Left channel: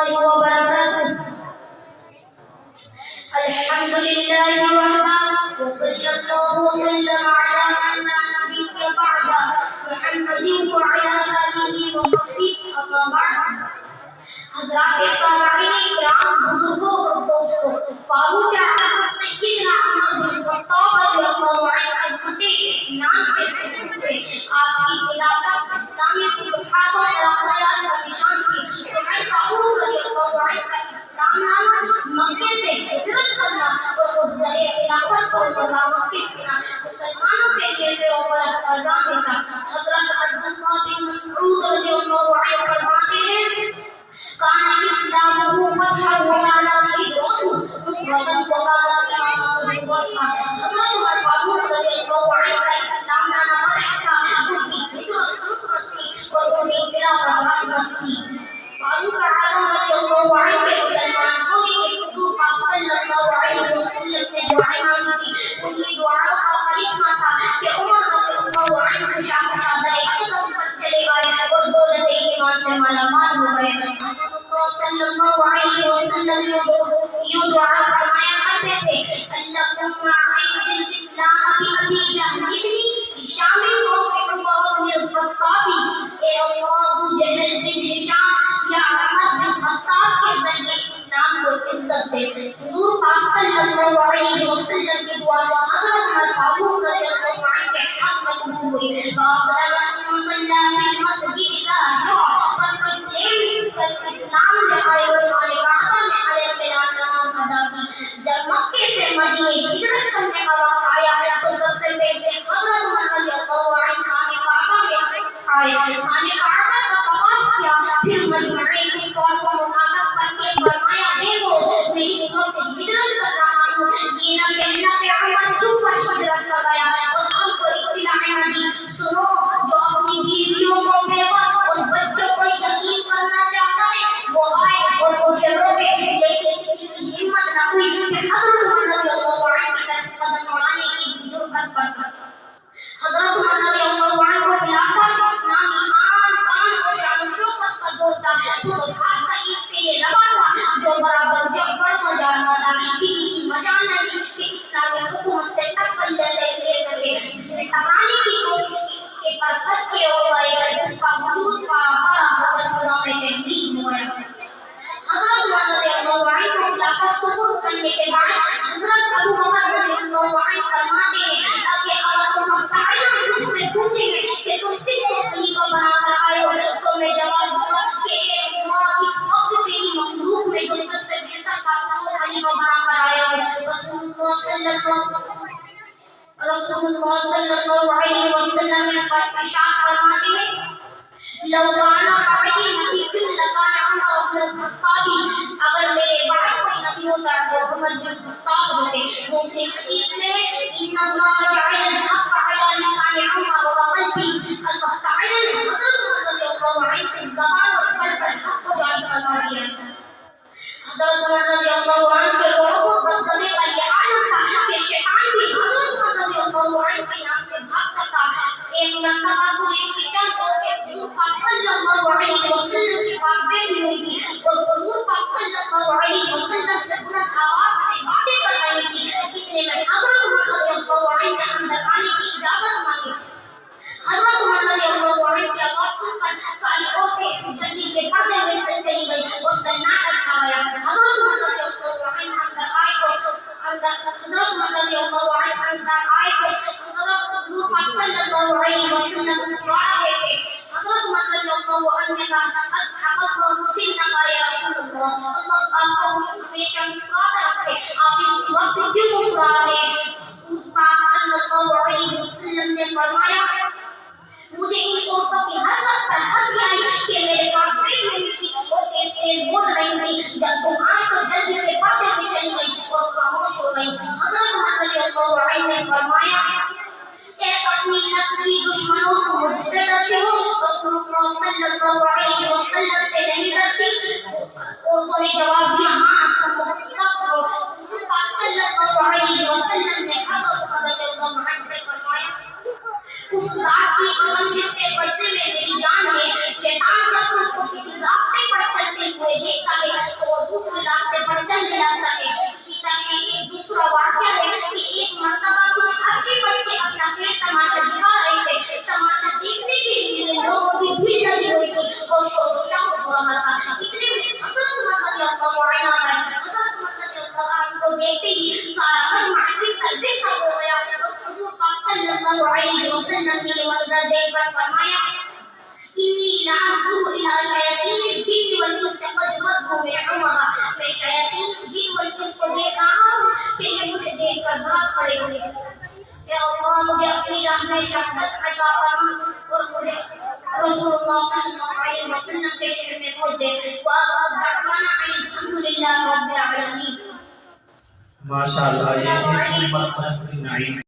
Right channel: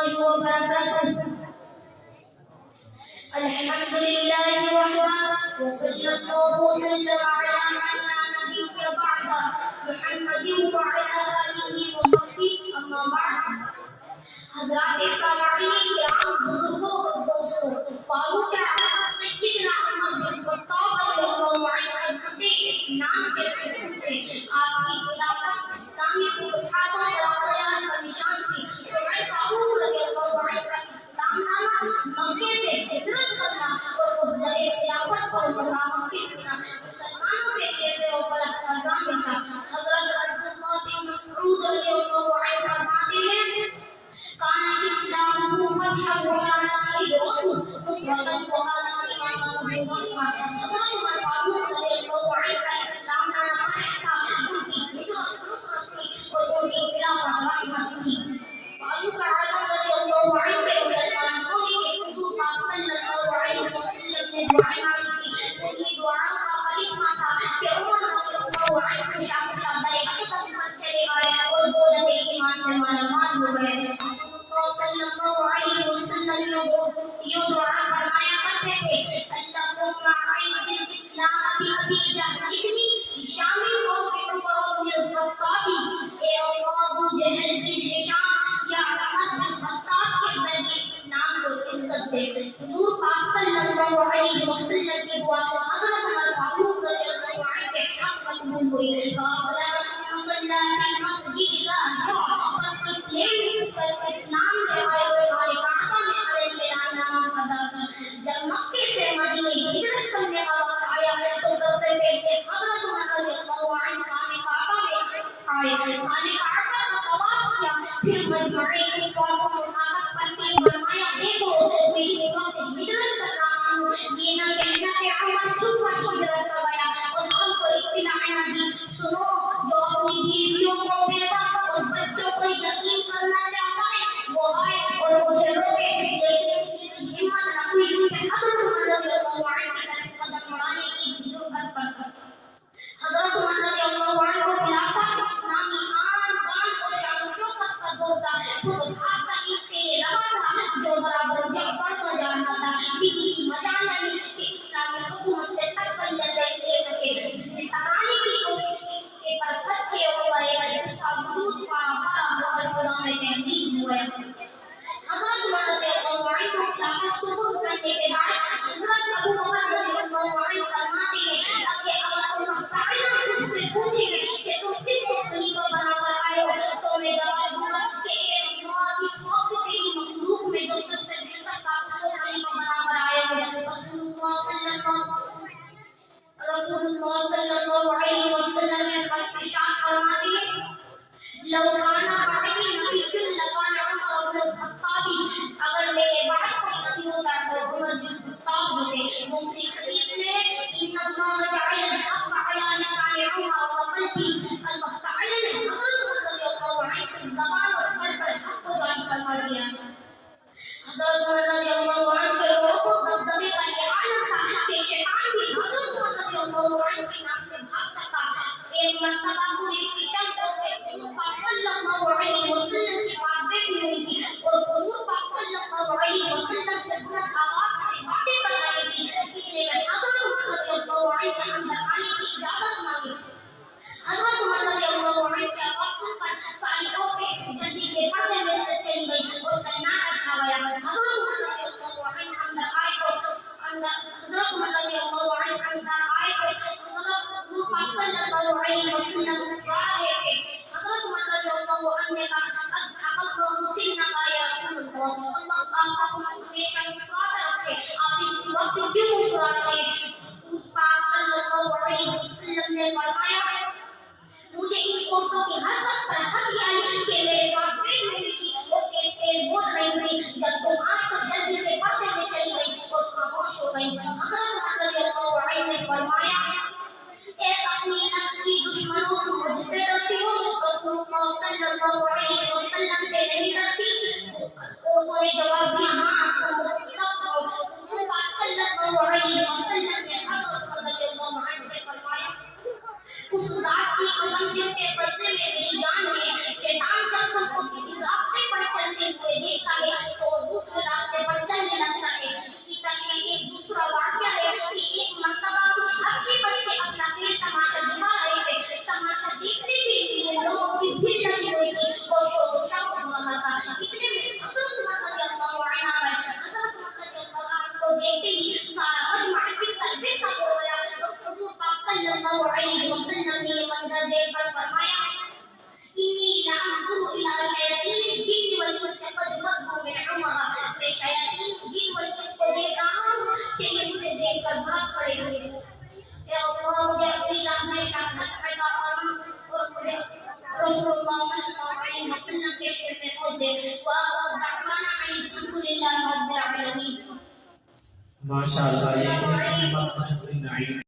الله وبركاته. الحمد لله وحده وصلى الله وسلم على من لا نبي بعده محمد وعلى آله وصحبه أما بعد. حضرات سامعین کرام، بزرگوں اور دوستوں، فاروق اعظم سیدنا عمر بن خطاب رضی اللہ عنہ عظمت اسلام کے ستون تھے. آپ کی خلافت اسلامی فتوحات اور ترقیات کا نشان تھی. عمر فاروق رضی اللہ عنہ کا اسلام لانا، مکے سے ہجرت کرنا اور عہدہ خلافت کو متوقف کرنا مسلمانوں کے لیے بے وفا عزم تھا. حضرت عبداللہ بن مسعود رضی اللہ عنہ فرماتے ہیں كان إسلامه فتحا وكانت هجرته نصرة وكانت إمامته فتحا. حضرت عمر فاروق رضی اللہ عنہ کا اسلام لانا فتح تھا، ان کی ہجرت نصرت تھی اور ان کی خلافت رحمت تھی. فاروق اعظم رضی اللہ عنہ کے مسلمان کو حضور پاک صلی اللہ علیہ وسلم نے دعا مانگی تھی. انہیں دعاؤں کا کرشمہ تھا کہ عمر رضی اللہ عنہ شاہزادہ اقدس پر چلے گئے اور دولت ایمان سے مالا مال ہو گئے. صلی اللہ علیہ وسلم یہ دعا فرمایا کرتے تھے انکم معیز الاسلام بابی جہل ابن ہشام بن عمر بن الخطاب. اے اللہ، ابو جہل بن ہشام یا عمر بن خطاب کے ذریعے اسلام کو عزت دے. حضور پاک صلی اللہ علیہ وسلم کی دعا حضرت عمر فاروق رضی اللہ عنہ کے حق میں قبول ہوئی. اسلام میں آئے اور ہمارے کعبہ میں آئے بیان نماز ادا کی. جب مکے سے مدینے ہجرت کرنے کا وقت آیا تو سب سے پہلے حضرت عمر رضی اللہ عنہ خانے کعبہ میں آئے، خانے کعبہ کا طواف کیا، پھر مجمع کفار کو مخاطب کر کے فرمایا دیکھو میں اس وقت ہجرت کر رہا ہوں. یہ نہ کہنا کہ عمر چپ کر ہجرت کر گیا اور ہم کو اطلاع نہ دی. سنو، جو اپنی بیویوں کو بیوہ اور بچوں کو یتیم کرنا چاہتا ہے وہ آئے اور مجھے روکے، لیکن کسی کی ہمت نہ ہوئی کہ حضرت عمر رضی اللہ عنہ کی طرف قدم اڑانے کی جرأت کرتا. حضرت عمر رضی اللہ عنہ کو خلافت اسلامی آن بان اور شان و شوکت کا دور تھا. فتوحات کا ایک سیل روا تھا جو برابر جب بڑھتا جا رہا تھا. کسی کی مجال نہیں کہ اسلامی حکومت سے ٹکر جیسے لے سکے. جس نے ٹکرانے کی کوشش کی اس کے پر خرچے ہو گئے، اس کا وجود بڑا اور فضا میں تحریک ہو گیا. حضرت عمر رضی اللہ عنہ کو خلافت سپرد کرنے کے بعد حضرت ابو بکر رضی اللہ عنہ فرماتے ہیں کہ اگر تم تعالیٰ مجھ سے پوچھیں گے کہ تم کس کو خلیفہ بنا کر آئے ہو تو میں جواب دوں گا کہ اے اللہ، اس وقت تیری مخلوق میں جو سب سے بہتر تھا اس کو خلیفہ بنا کر آیا ہو. رسول اللہ صلی اللہ علیہ وسلم نے ارشاد فرماتے ہیں لو کان بعدی نبی لکان عمر بن الخطاب. اگر میرے بعد کوئی نبی ہوتا تو عمر بن الخطاب ہوتے. دوسری حدیث میں ان اللہ جعل الحق علی لسان عمر وقلبی. اللہ تعالی نے حضرت عمر رضی اللہ عنہ کی زبان اور قلب پر حق کو جاری فرما دیا. حضرت عمر رضی اللہ عنہ کے رعب و دبدبے کا یہ عالم تھا کہ شیطان بھی حضرت عمر رضی اللہ عنہ کے نام سے بھاگتا تھا. ایک مرتبہ قریش کی چند عورتیں حضور پاک صلی اللہ علیہ وسلم کے پاس بیٹھی ہوئی تھی اور حضور پاک صلی اللہ علیہ وسلم سے بلند آواز سے باتیں کر رہی تھی. اتنے میں حضرت عمر رضی اللہ عنہ نے یا اللہ مجھے اپنی راہ میں شہادت عطا فرما اور مجھے رسول اللہ صلی اللہ علیہ وسلم کے شہر میں پہنچ دے. وآخر دعوانا الحمدللہ رب العالمین. ماشاء اللہ. یہ